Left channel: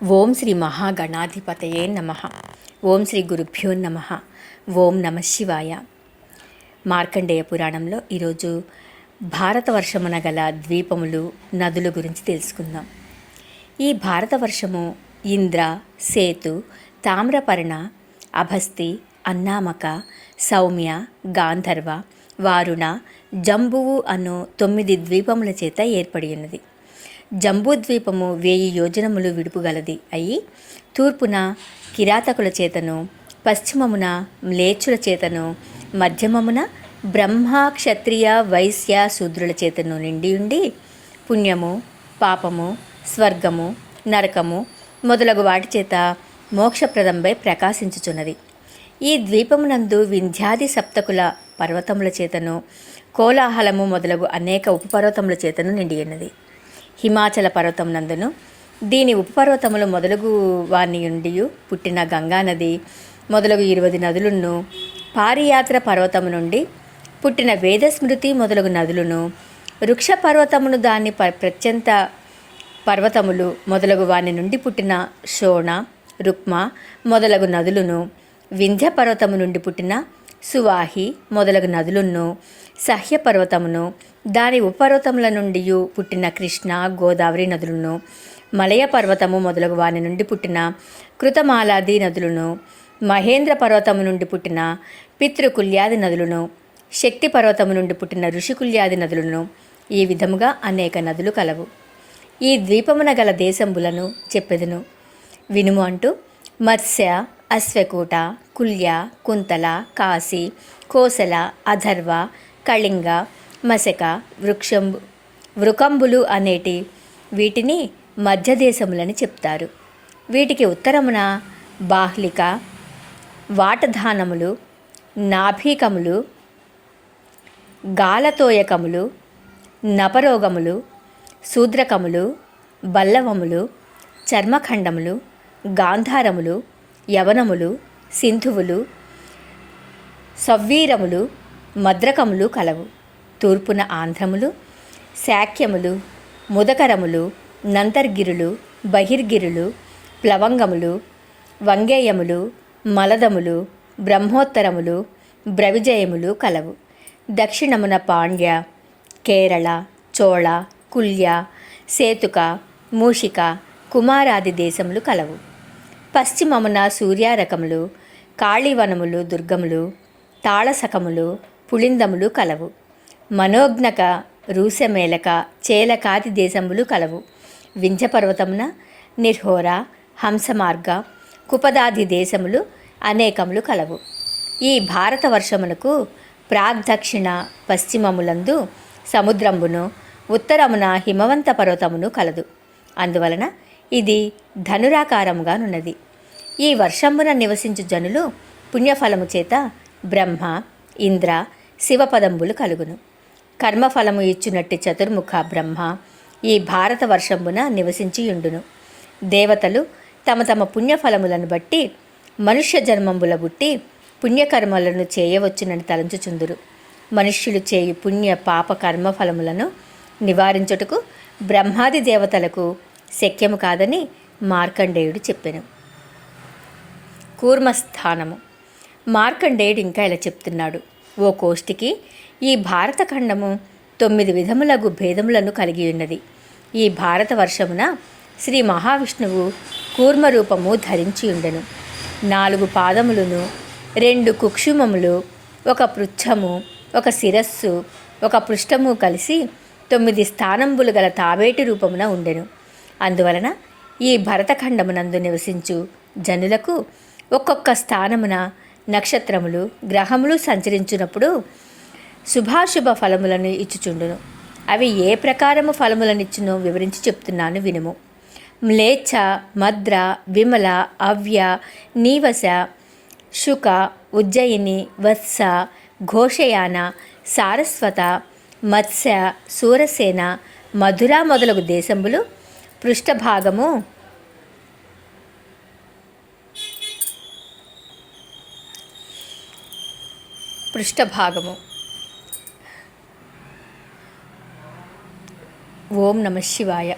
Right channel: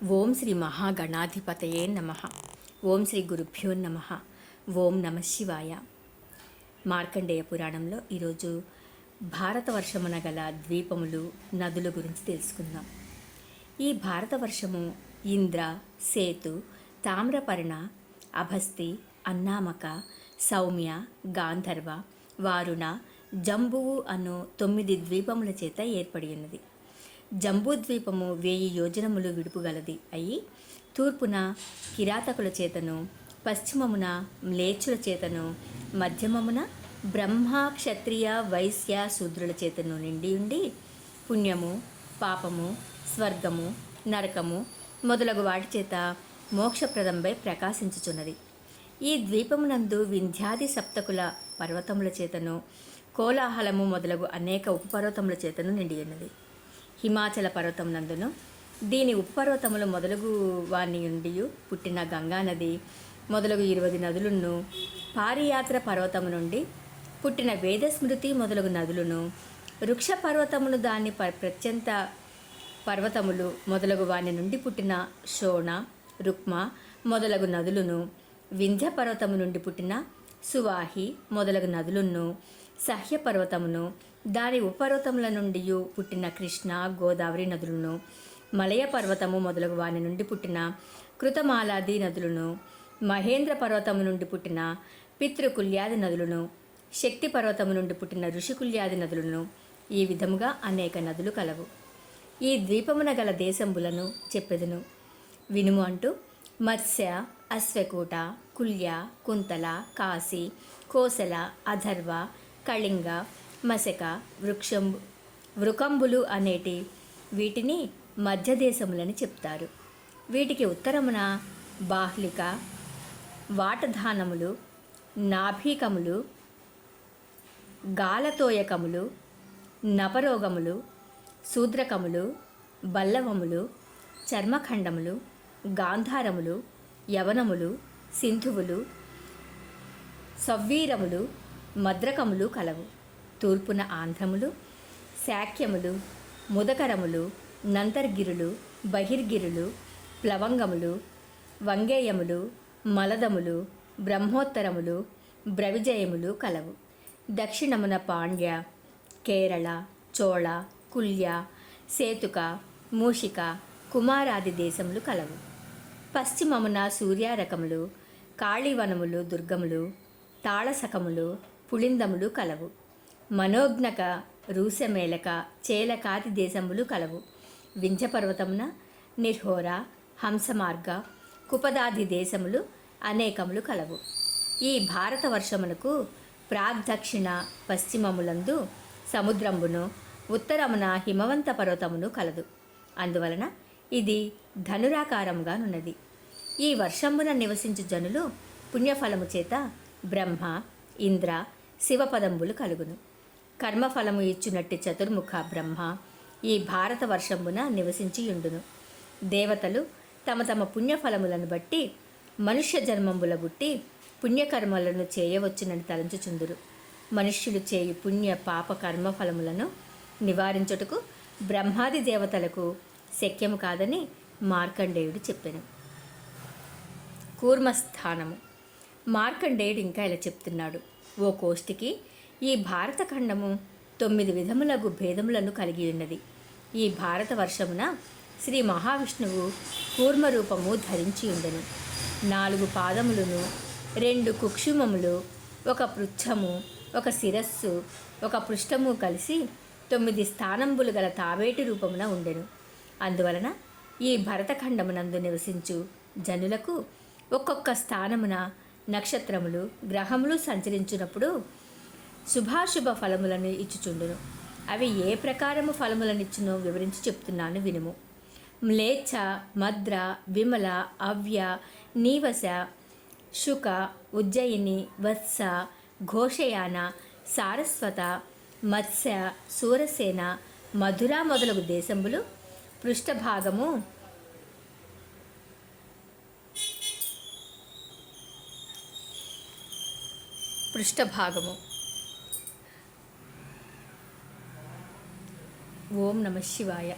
ఓం శ్రీ మహాగణాధిపతయే నమః. ఓం శ్రీ గురుభ్యో నమః. ఓం నమ శివాయ. మార్కండేయ పురాణంలో ఈరోజు భారతవర్షమున గల ద్వీపములు, నదుల గురించి తెలుసుకుందాం. ఈ భారతవర్షము ఇంద్ర, సేతు, తామ్రపర్ణ, అభస్తి, అన్నామక, సౌమ్య, గాంధర్వ, వారుణ, జంబువు అను 9 ద్వీపముల చేత ఏర్పడి ఉన్నది. జంబూద్వీపము 1000 యోజనములు విడుపుగలది అయి తూర్పున కిరాతకుల చేతను, పశ్చిమమున మ్లేచ్చుల చేతను, మధ్యమమున బ్రహ్మ, క్షత్రియ, వైశ్య, శూద్రుల చేతను నిండియుండి పుణ్యము, పాపము, స్వర్గము, నరకము మొదలగు వాటి చేత మోక్షప్రదంపై ప్రకాశించుచున్నది. ఈ ద్వీపమునందు వింధ్యాది సప్తకుల పర్వతముల చేతను, కోలాహలము మొదలగు అనేక ఉపపర్వతముల చేతను నిండియున్నది. హిమాచల పర్వతం నందును దీని ఉపపర్వతములు మొదలగు వాని నుండి పుట్టిన గంగానది మొదలగు 20 నదులను, పారియాత్ర పర్వతము నుండి పుట్టిన వేదస్మృతి మొదలగు నదులను, వృక్ష పర్వతమును దాని ప్రత్యంత పర్వతములు మొదలగు వాని నుండి పుట్టిన శోణ, రుక్మ మొదలగు నదులను, వింధ్య పర్వతము నుండి పుట్టిన సువాహి మొదలగు నదులను, సహ్య పర్వతమును దాని ఉపపర్వతముల నుండి పుట్టిన కృష్ణ, గోదావరి నదులను, మలయ పర్వతము మొదలగు వాని నుండి పుట్టిన కృతమాలాది నదులను, మహేంద్ర పర్వతము నుండి పుట్టిన పితృకుల్యాది నదులను, శక్తి పర్వతము నుండి పుట్టిన ఋషికుల్యాది నదులను, ఈ విధముగా అనేక నదులు కలవు. ఈ ద్వీపమున గల దేశంబులను చెప్పెదను వినుము అంటూ మత్స్య, అశ్వకూట, కుల్య, కుంతల, కాశీ, కోసల, అధర్వ, కళింగ, మశక, వృకంబులు అనేటి వీటిని మధ్యదేశములని చెప్తారు. వీటికి ఉత్తరమున బాహ్లిక, వాటధానములు, నాభీకములు, గాలతోయకములు, నపరోగములు, శూద్రకములు, బల్లవములు, చర్మఖండములు, గాంధారములు, యవనములు, సింధువులు, సవ్వీరములు, మద్రకములు కలవు. తూర్పున ఆంధ్రములు, శాక్యములు, ముదకరములు, నంతర్గిరులు, బహిర్గిరులు, ప్లవంగములు, వంగేయములు, మలదములు, బ్రహ్మోత్తరములు, బ్రవిజయములు కలవు. దక్షిణమున పాండ్య, కేరళ, చోళ, కుల్య, సేతుక, మూషిక, కుమారాది దేశములు కలవు. పశ్చిమమున సూర్యారకములు, కాళీవనములు, దుర్గములు, తాళసకములు, పుళిందములు కలవు. మనోజ్ఞక, రూసమేలక, చేలకాది దేశములు కలవు. వింధ్యపర్వతమున నిర్హోర, హంసమార్గ, కుపదాది దేశములు అనేకములు కలవు. ఈ భారతవర్షమునకు ప్రాగ్దక్షిణ పశ్చిమములందు సముద్రంబును, ఉత్తరమున హిమవంత పర్వతమును కలదు. అందువలన ఇది ధనురాకారముగానున్నది. ఈ వర్షంబున నివసించు జనులు పుణ్యఫలము చేత బ్రహ్మ, ఇంద్ర, శివపదంబులు కలుగును. కర్మఫలము ఇచ్చునట్టి చతుర్ముఖ బ్రహ్మ ఈ భారతవర్షంబున నివసించియుండును. దేవతలు తమ తమ పుణ్యఫలములను బట్టి మనుష్య జన్మంబుల బుట్టి పుణ్యకర్మలను చేయవచ్చునని తలంచుచుందురు. మనుష్యులు చేయు పుణ్య పాప కర్మఫలములను నివారించుటకు బ్రహ్మాది దేవతలకు శక్యము కాదని మార్కండేయుడు చెప్పెను. కూర్మస్థానము. మార్కండేయుడు ఇంకా ఇలా చెప్తున్నాడు. ఓ కోష్టికి ఈ భారతఖండము 9 విధములగు భేదములను కలిగి ఉన్నది. ఈ భారతవర్షమున శ్రీ మహావిష్ణువు కూర్మరూపము ధరించి ఉండెను. 4 పాదములను, 2 కుక్షుమములు, 1 పృచ్ఛము, 1 శిరస్సు, 1 పృష్ఠము కలిసి 9 స్థానంబులు గల తాబేటి రూపమున ఉండెను. అందువలన ఈ భరతఖండమునందు నివసించు జనులకు ఒక్కొక్క స్థానమున నక్షత్రములు, గ్రహములు సంచరించినప్పుడు శుభాశుభ ఫలములను ఇచ్చుచుండును. అవి ఏ ప్రకారము ఫలములనిచ్చునో వివరించి చెప్తున్నాను వినుము. మ్లేచ్ఛ, మద్ర, విమల, అవ్య, నీవశ, శుక, ఉజ్జయిని, వత్స, ఘోషయాన, సారస్వత, మత్స్య, సూరసేన, మధుర మొదలగు దేశంబులు పృష్ఠభాగము ఓం నమ శివాయ.